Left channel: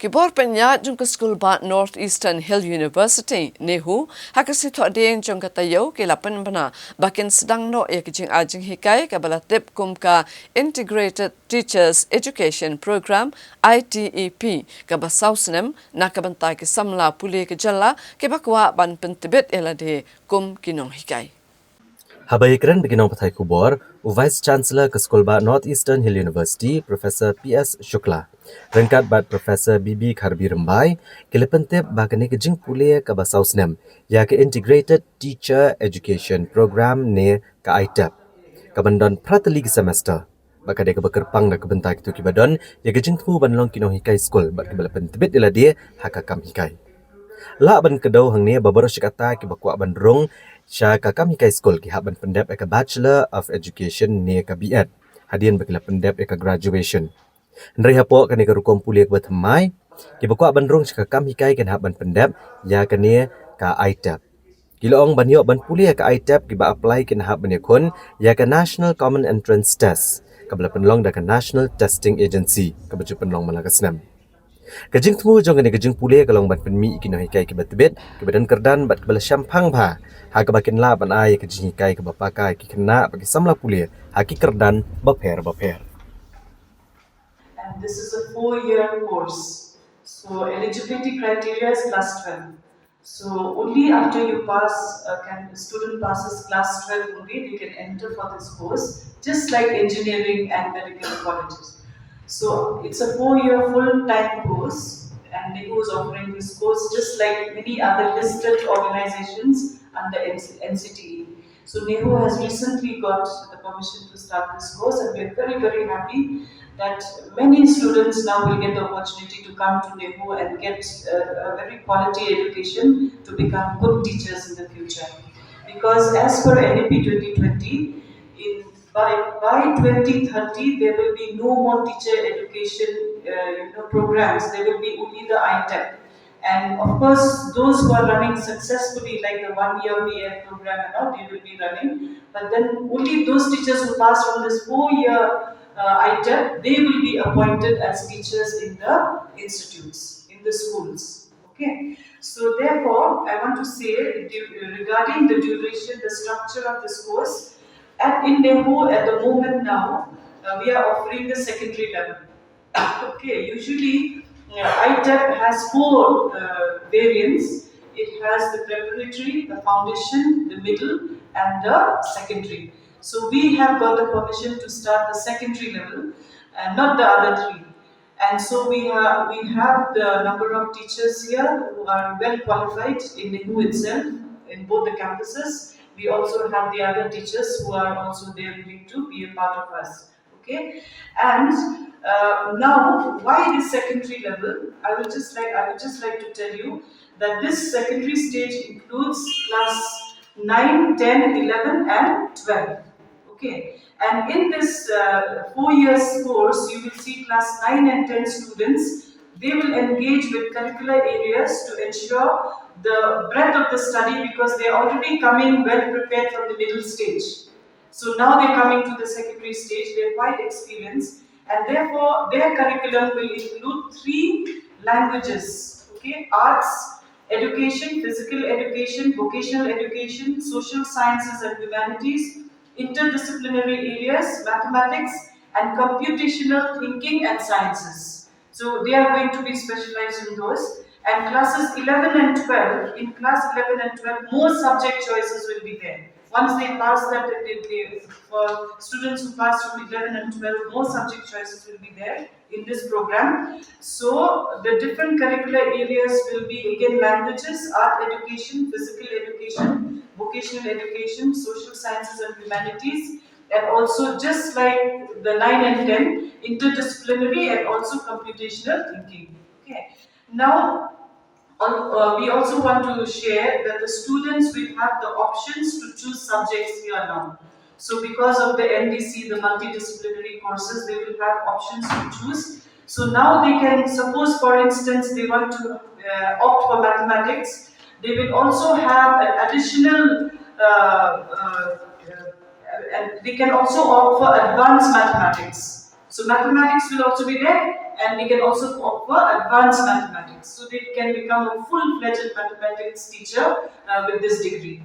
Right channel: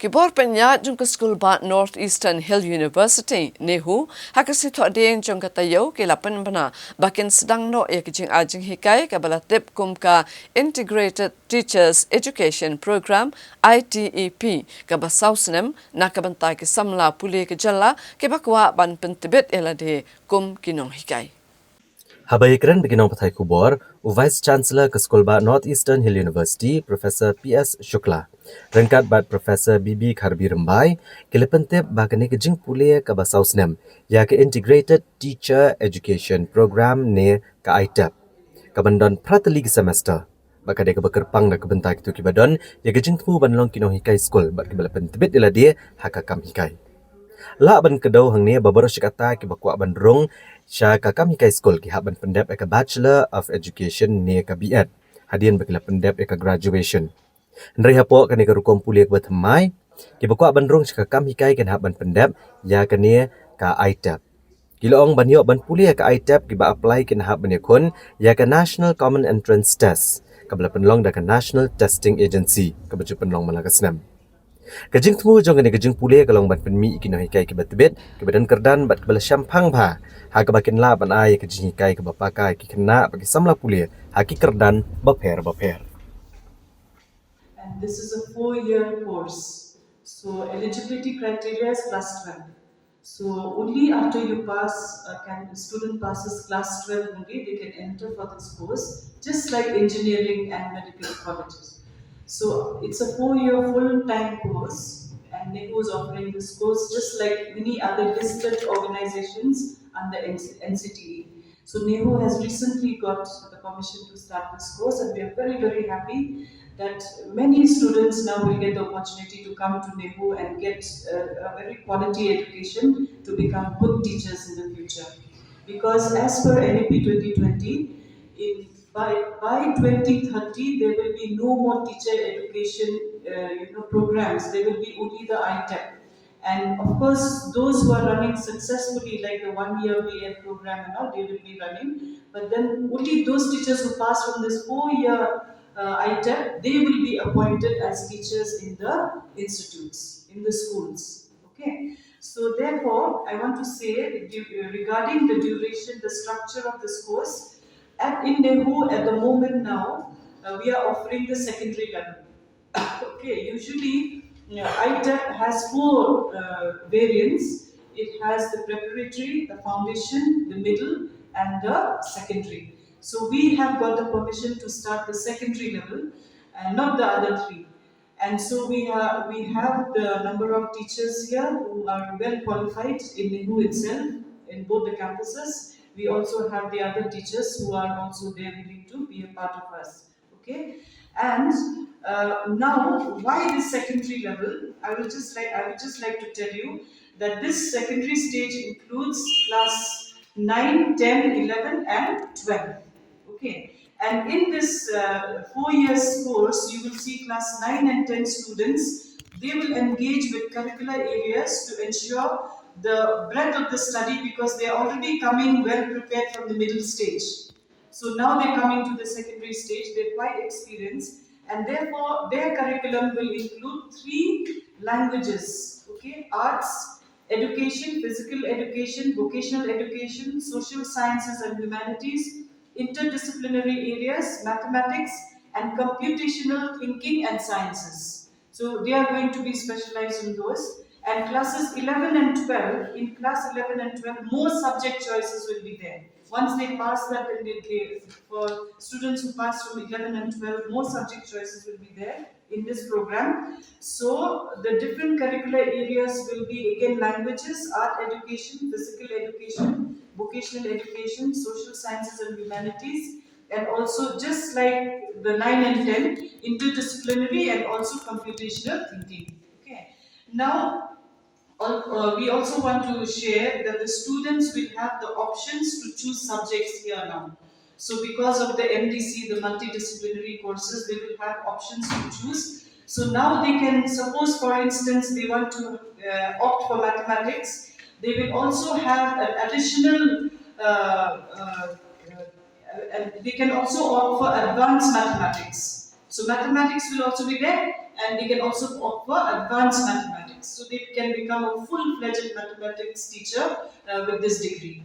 Kibor penya jung school ba Northeastern Hill University NEHU hakasi tho deng jung katayo ke lapan bana bakin sedang no ek jing ajing hikai ka balatip kum ka Integrated Teachers Education Program ITEP ka basausnem na ka bantai ke samla puli ke jalla ke bakwa ban pentibet elade kum kinong hikai. Habayikran beginong pathai kubor, Vice Chancellor ke Sekolah Ba Northeastern Hill University, Professor P.S. Shukla. Rengkat bat Professor B.B. Kharbi Rembai, kelepentip bakani kejing pulia ke basausnem, ya ke Integrated Teacher Education Program ne ke ITEP. Kabandon prateli ke semester. Baka dia ke bekerpang dan kebentai kitu kibadon, ya kejing tu banlong kinong hikai skol, bat kebelepentibit ila dia hakakam hikai. La ban kedau hang ni babar syakata ki bakwa ban rong sya kakam hikai skol ki hak ban pendep eka Bachelor of Education ni eka B.Ed. Hadian bakila pendep eka graduation. Ndri hapo kani ka rukom puliak bat mai ki bakwa ban rong sya kakam hikai kan hak ban pendep ya kani ka ITEP. Kiloong ban yok ban puliak ka ITEP ki ba apply kin hak ban yakun ya ka National Common Entrance Test. Kabla penlong da ka National Testing Agency kabaju penlong malaka senam. Kajing temu jong ni kajing pule kalong ban penmi ikino hikai ke batbet ke badan kerdan bat kebala syampang ba ha ke bakin la ban ai kajing hikai ke bapaka ki kena bagi samla pule ha ki kerdan baper. And this is a 4-year course. So eligibility criteria is class 12. So only after you pass, the student passes class 12 only, they can enter for this course, just like engineering and medical colleges. So it's a 4-year full-time course, and NEHU is offering this course just like many other listed organizations under NCTE. So NEHU has recently got the permission to start this course, and we are very, very happy that many students now will get the opportunity to come to NEHU and get a very quality education to become good teachers in the future. Because as per NEP 2020, by 2030 there will be no more teacher education programs. There will be only the ITEP. And of course, those who are running successfully, like the 1-year BA program and all, they will be running. But then only those teachers who pass from this 4-year ITEP, they will be appointed as teachers in the institutes, in the schools. Okay. So therefore, I want to say regarding the duration, the structure of this course, in NEHU at the moment now, we are offering the secondary level. Okay, usually ITEP has 4 variants. It has the preparatory, the foundation, the middle, and the secondary. So we have got the permission to start the secondary level, and not the other 3. And so we have the number of teachers here who are well qualified in NEHU itself, in both the campuses. We also have the other teachers who are also there willing to be a part of us. Okay, and now why this secondary level? I would just like to tell you that this secondary stage includes class 9, 10, 11, and 12. Okay, and in this 4 years course, you will see class 9 and 10 students. They will engage with curricular areas to ensure the breadth of the study, because they are already coming well prepared from the middle stage. So now they're coming to the secondary stage, they're quite experienced, and therefore their curriculum will include 3 languages, okay? Arts, education, physical education, vocational education, social sciences and humanities, interdisciplinary areas, mathematics, and computational thinking and sciences. So they are going to be specialized in those. And classes 11 and 12, in class 11 and 12, more subject choices will be there. Once they pass that, for students who pass from 11 and 12, more subject choices will be there in this program. So the different curricular areas will be again languages, art education, physical education, vocational education, social sciences and humanities, and also just like the 9 and 10, interdisciplinary and also computational thinking. Okay. Now, we also want to share that the students will have the options to choose subjects here now. So because of the MDC, the multidisciplinary courses, they will have options to choose. So now they can, suppose for instance, they want to opt for mathematics, they will also have an additional, and they can also opt for advanced mathematics. So mathematics will also be there, and they can also offer advanced mathematics. So they can become a full-fledged mathematics teacher with this degree.